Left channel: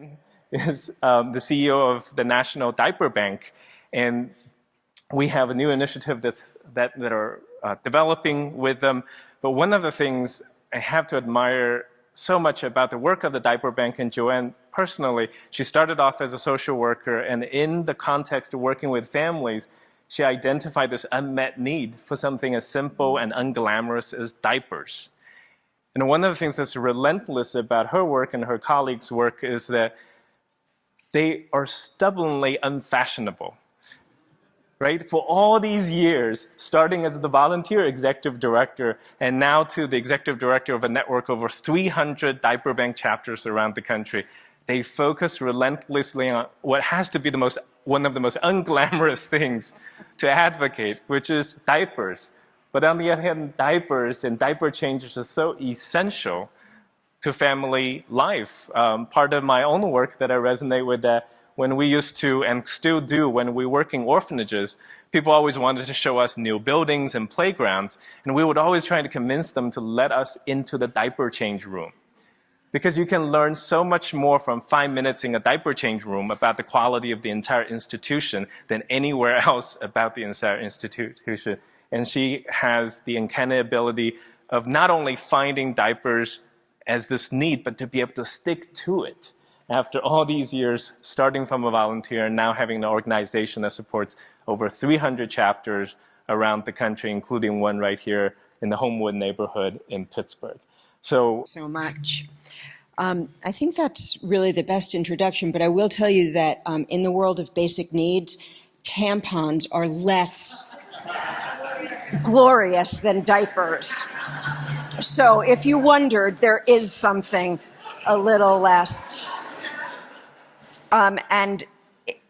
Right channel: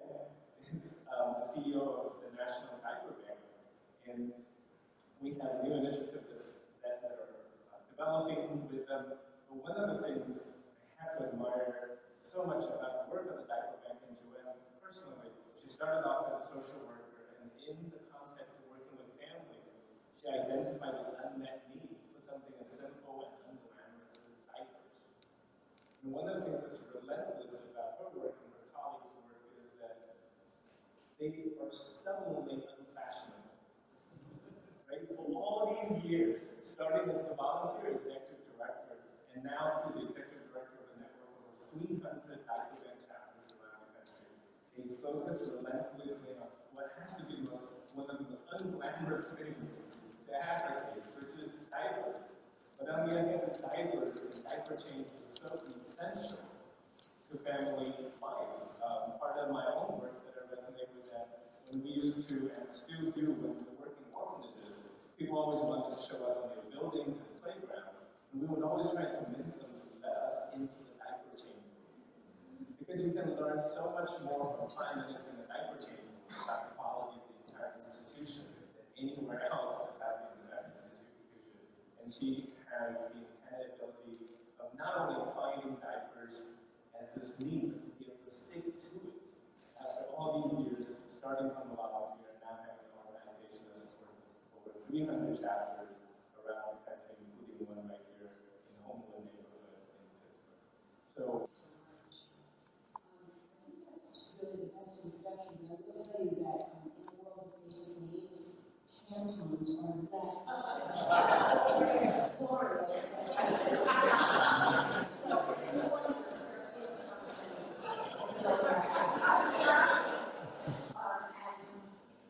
Joanne is the CEO of the National Diaper Bank, and we have a new initiative that are developing with them. But one of the things I have to admire so much about the work of the Diaper Bank and Joanne personally, she started off as a social worker, and in the context of working with families, she identified this unmet need for something as simple and unglamorous as diapers. And one of the things that's relentless about her work and her colleagues' work is that they are stubbornly unfashionable, right? For all these years, starting as the volunteer executive director and now to the executive director of a network of over 300 diaper bank chapters around the country, they focus relentlessly on what has to be one of the most unglamorous things to advocate, which is diapers. But on the other hand, diapers and diaper changes are so essential to family life. Part of my own work that I resonate with that when we used to, and still do, when we work in orphanages, people always wanted to show us new buildings and playgrounds, and we would always try to convince them to let us into the diaper change room. Because you can learn so much more from 5 minutes in a diaper change room about the quality of the entire institution than anywhere else about the entire institution. And she has the uncanny ability of not only finding diapers as this need, but to be able to stick to it. After all these years, starting from a volunteer and now having an organization that supports over 300 chapters around the country, including one right here in the Homewood neighborhood in Pittsburgh. So much. I think that's really the best introduction, but I will tell you that in the world of basic needs, tampons are less glorious than diapers. So if you wondered, there is something a little less. And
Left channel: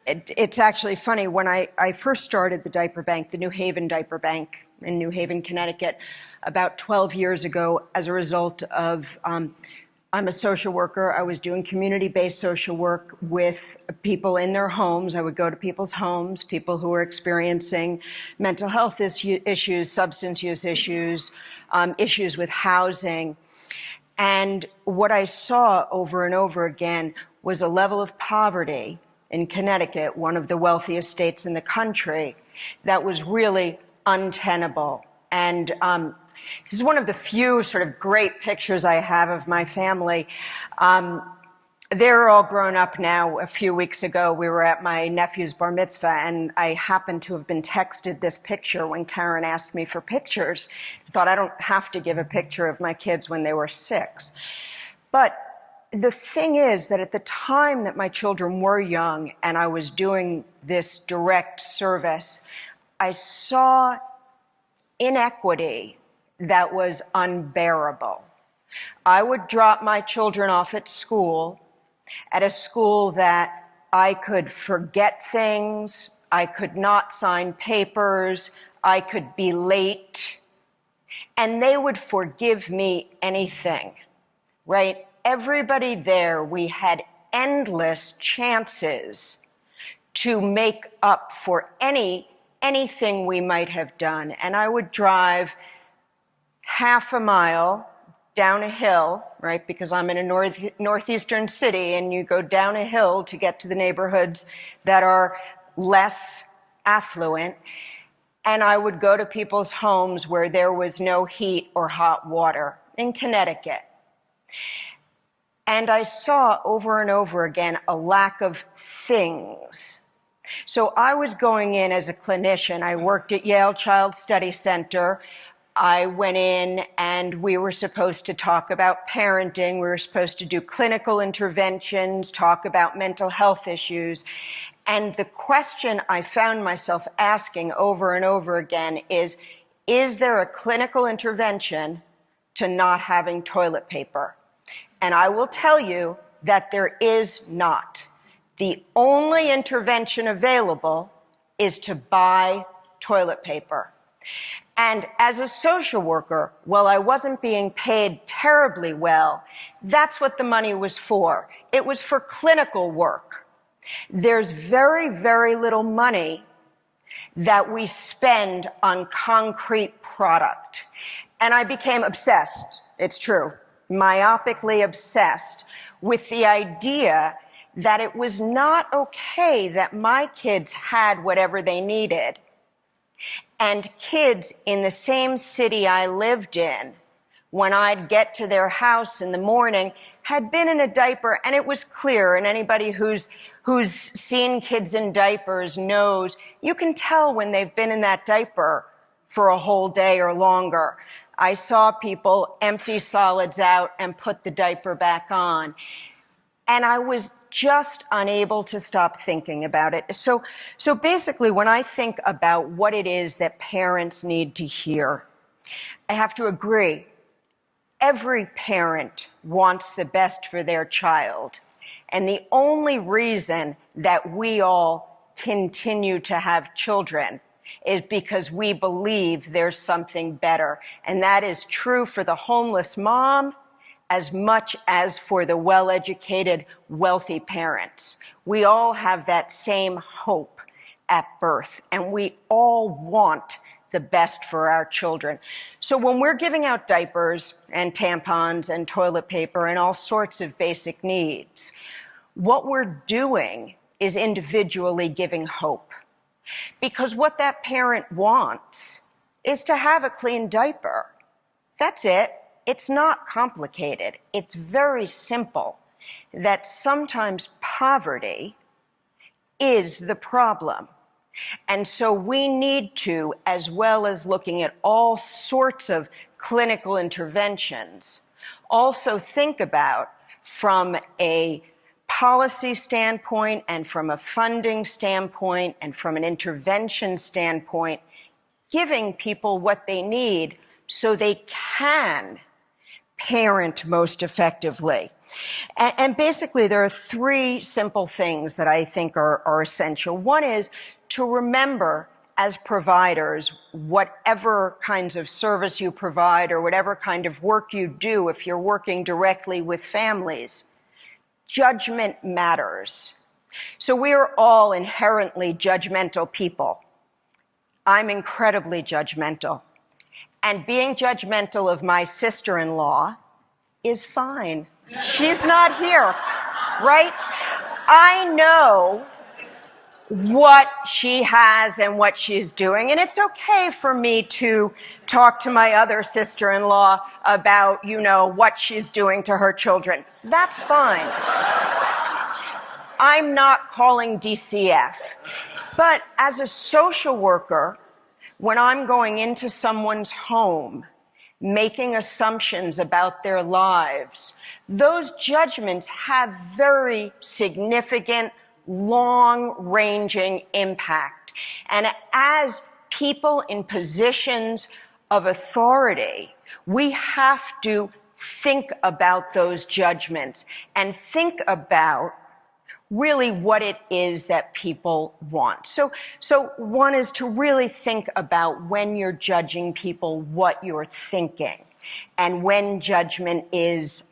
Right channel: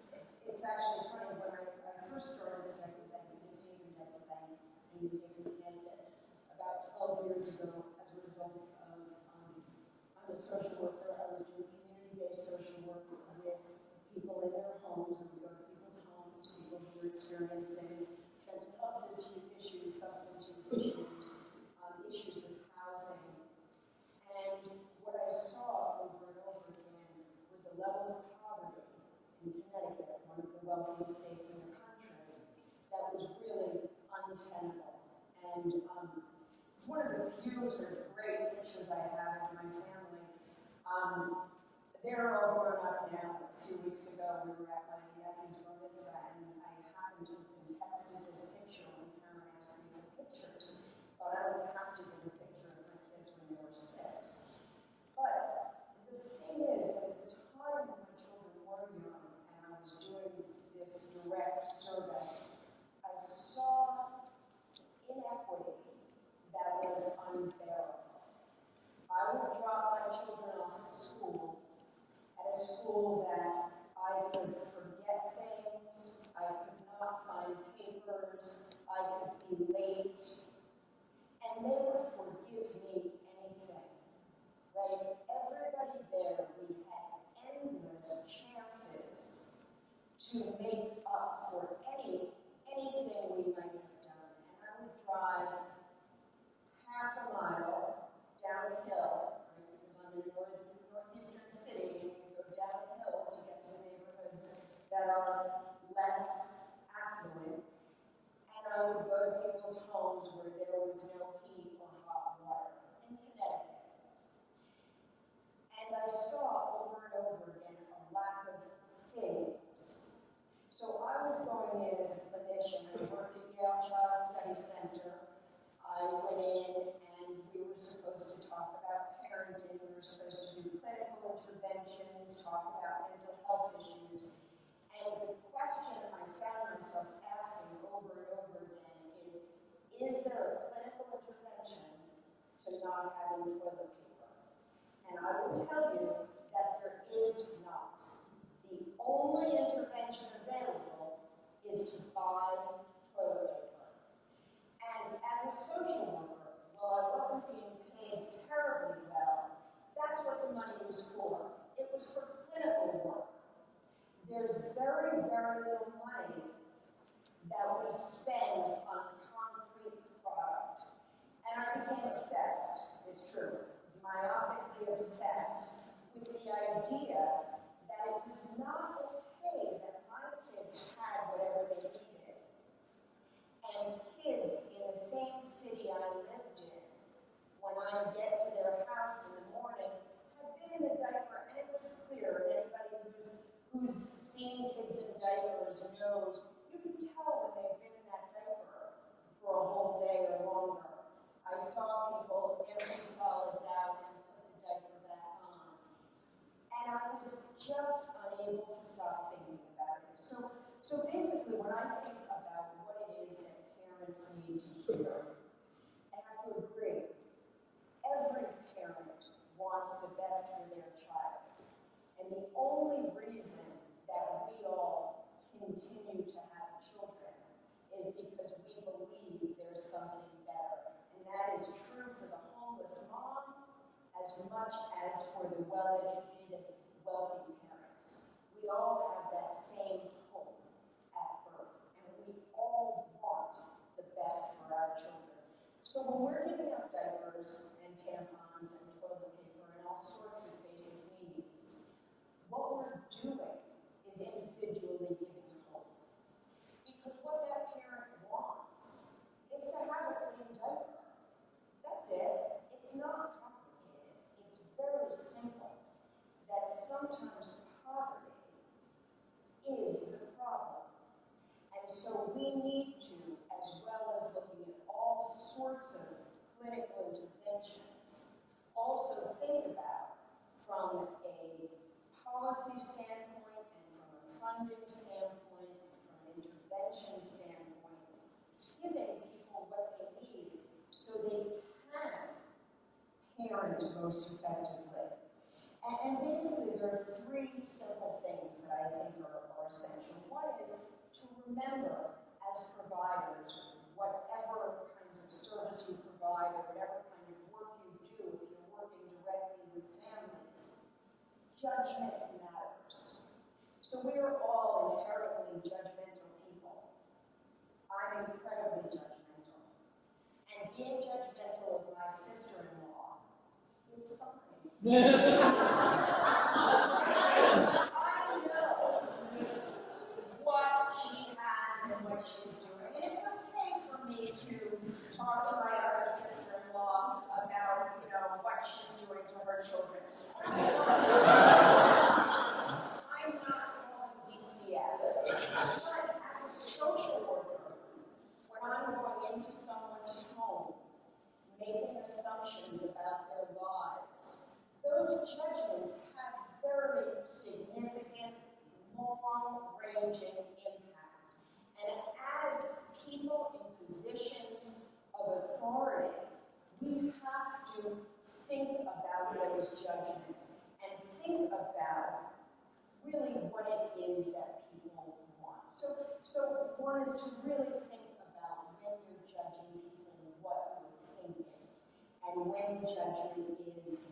it's actually funny, when I first started the diaper bank, the New Haven Diaper Bank in New Haven, Connecticut, about 12 years ago, as a result of, I'm a social worker. I was doing community-based social work with people in their homes. I would go to people's homes, people who were experiencing mental health issues, substance use issues, issues with housing. And what I saw over and over again was a level of poverty in Connecticut, one of the wealthiest states in the country, that was really untenable. And this is one of the few sort of great pictures I have of my family. They're all grown up now. A few weeks ago, we were at my nephew's bar mitzvah, and I happened to have been texted this picture when Karen asked me for pictures. I thought, I don't have to give a picture of my kids when they were 6. But the thing is that at the time that my children were young and I was doing this direct service, I saw inequity that was unbearable. I would drop my children off at a school that I could forget things, I could not sign papers, I could be late, and they would forgive me anything, right? Everybody there, we had endless chances to make up for anything we might have done. And I would drive half a mile down a hill, right? Because I'm in a northeastern city, and you go down a hill to get to the neighborhoods that are less affluent. And I would go to people's homes where there was no heat or hot water in Connecticut. And I saw over and over again a lack of things. So I was going in as a clinician. I worked at Yale Child Study Center. I went in and we were supposed to talk about parenting. We were supposed to do clinical interventions, talk about mental health issues. And the question I found myself asking over and over again is there a clinical intervention to not having toilet paper? And I will tell you that there is not. The only intervention available is to buy toilet paper. And as a social worker, while I wasn't being paid terribly well, that's what the money was for. It was for clinical work. There's very, very little money that we spend on concrete product. And I became obsessed, it's true, myopically obsessed with the idea that it was not okay that my kids had whatever they needed, and kids in the same city I lived in, when I'd get to their house in the morning, had been in a diaper, and it was clear, and anybody who's seen kids in diapers knows, you can tell when they've been in that diaper for a whole day or longer. I saw people empty solids out and put the diaper back on. And I was just unable to stop thinking about it. So basically, when I think about what it is that parents need to hear, I have to agree. Every parent wants the best for their child. And the only reason that we all continue to have children is because we believe there's something better. And that is true for the homeless mom as much as for the well-educated, wealthy parents. We all have that same hope at birth, and we all want the best for our children. So when we're giving out diapers and tampons and toilet paper and all sorts of basic needs, what we're doing is individually giving hope. Because what that parent wants is to have a clean diaper. That's it. It's not complicated. It's very simple that sometimes poverty is the problem. And so we need to, as well as looking at all sorts of clinical interventions, also think about, from a policy standpoint and from a funding standpoint and from an intervention standpoint, giving people what they need so they can parent most effectively. And basically, there are three simple things that I think are essential. One is to remember, as providers, whatever kinds of service you provide or whatever kind of work you do, if you're working directly with families, judgment matters. So we're all inherently judgmental people. I'm incredibly judgmental. And being judgmental of my sister-in-law is fine. She's not here, right? I know what she has and what she's doing, and it's okay for me to talk to my other sister-in-law about, what she's doing to her children. That's fine. I'm not calling DCF. But as a social worker, when I'm going into someone's home, making assumptions about their lives, those judgments have very significant, long-ranging impact. And as people in positions of authority, we have to think about those judgments and think about really what it is that people want. So one is to really think about, when you're judging people, what you're thinking, and when judgment is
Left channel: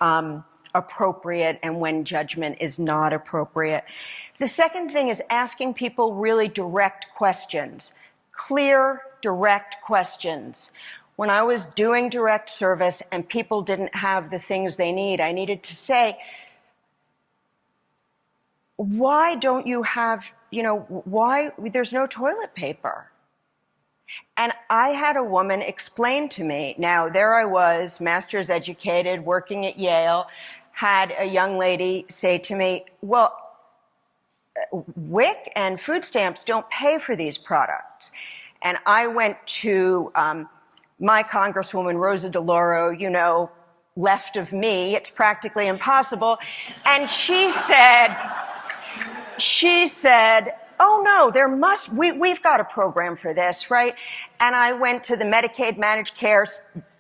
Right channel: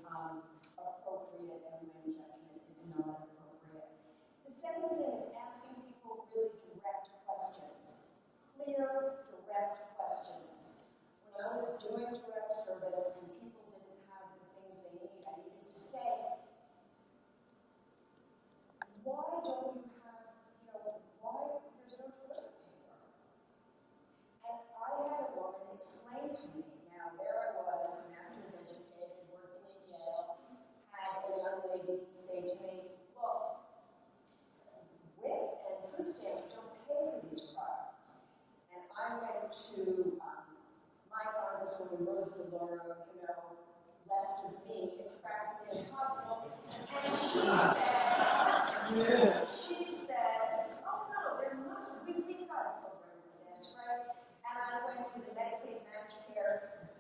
appropriate and when judgment is not appropriate. The second thing is asking people really direct questions, clear, direct questions. When I was doing direct service and people didn't have the things they need, I needed to say, why don't you have, why there's no toilet paper? And I had a woman explain to me, now there I was, master's educated, working at Yale, had a young lady say to me, well, WIC and food stamps don't pay for these products. And I went to my Congresswoman, Rosa DeLauro, left of me, it's practically impossible. And she said, oh no, we've got a program for this, right? And I went to the Medicaid Managed Care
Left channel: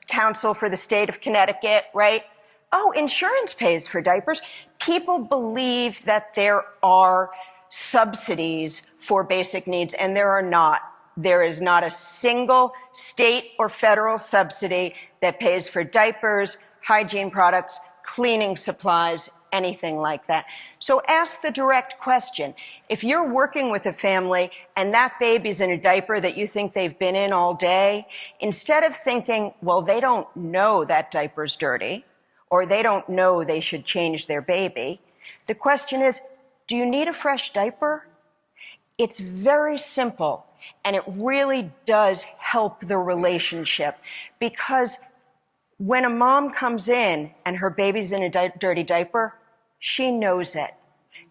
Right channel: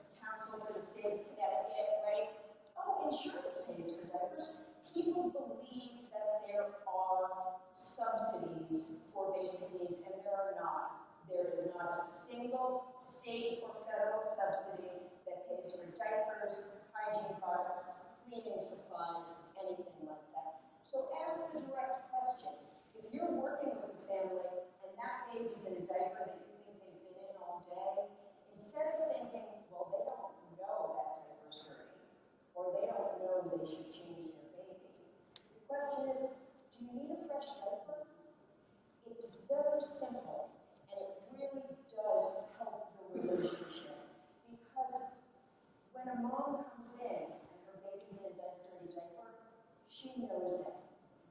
Council for the state of Connecticut, right? Oh, insurance pays for diapers. People believe that there are subsidies for basic needs, and there are not. There is not a single state or federal subsidy that pays for diapers, hygiene products, cleaning supplies, anything like that. So ask the direct question. If you're working with a family and that baby's in a diaper that you think they've been in all day, instead of thinking, well, they don't know that diaper's dirty, or they don't know they should change their baby, the question is, do you need a fresh diaper? It's very simple, and it really does help the relationship, because when a mom comes in and her baby's in a dirty diaper, she knows it.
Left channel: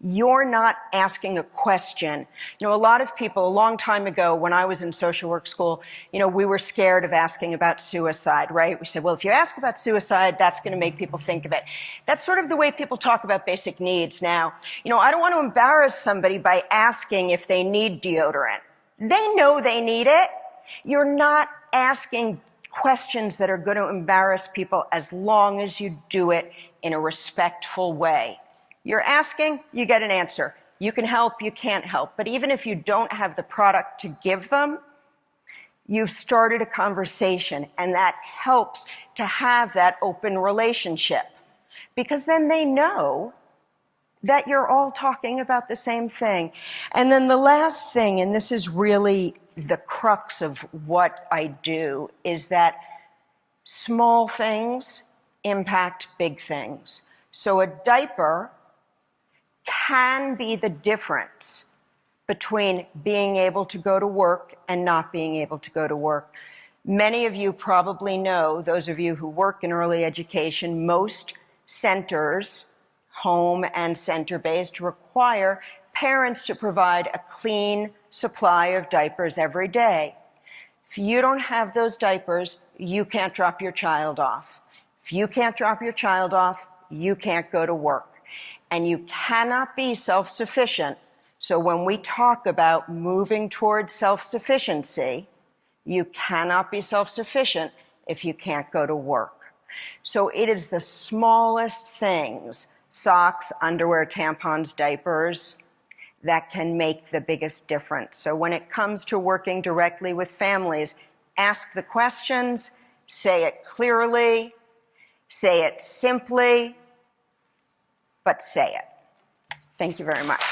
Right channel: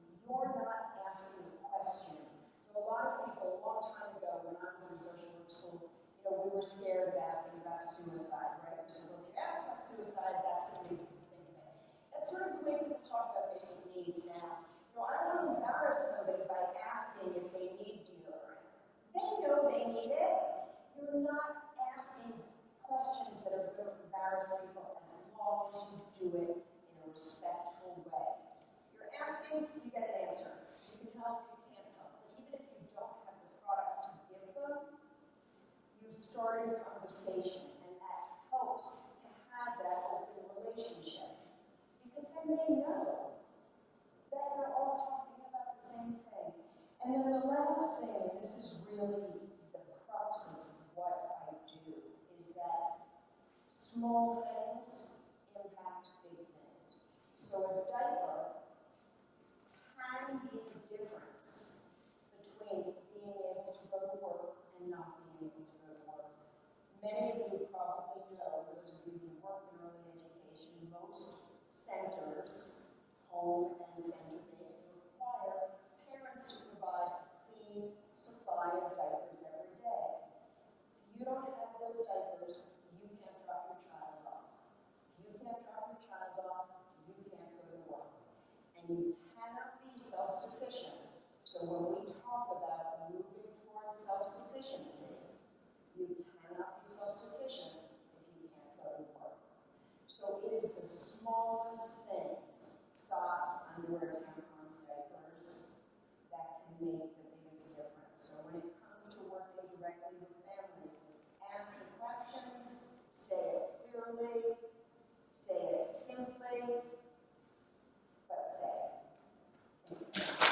You're not asking a question. You know, a lot of people, a long time ago when I was in social work school, you know, we were scared of asking about suicide, right? We said, well, if you ask about suicide, that's going to make people think of it. That's sort of the way people talk about basic needs now. You know, I don't want to embarrass somebody by asking if they need deodorant. They know they need it. You're not asking questions that are going to embarrass people as long as you do it in a respectful way. You're asking, you get an answer. You can help, you can't help. But even if you don't have the product to give them, you've started a conversation, and that helps to have that open relationship, because then they know that you're all talking about the same thing. And then the last thing, and this is really the crux of what I do, is that small things impact big things. So a diaper can be the difference between being able to go to work and not being able to go to work. Many of you probably know, those of you who work in early education, most centers, home and center-based, require parents to provide a clean supply of diapers every day. If you don't have those diapers, you can't drop your child off. If you can't drop your child off, you can't go to work. And you cannot be self-sufficient. So when we talk about moving towards self-sufficiency, you cannot be self-sufficient if you can't go to work. So it is the smallest things, socks, underwear, tampons, diapers, that can make the biggest difference. So when it comes to working directly with families, ask the questions, say it clearly, say it simply, but say it. Thank you very much.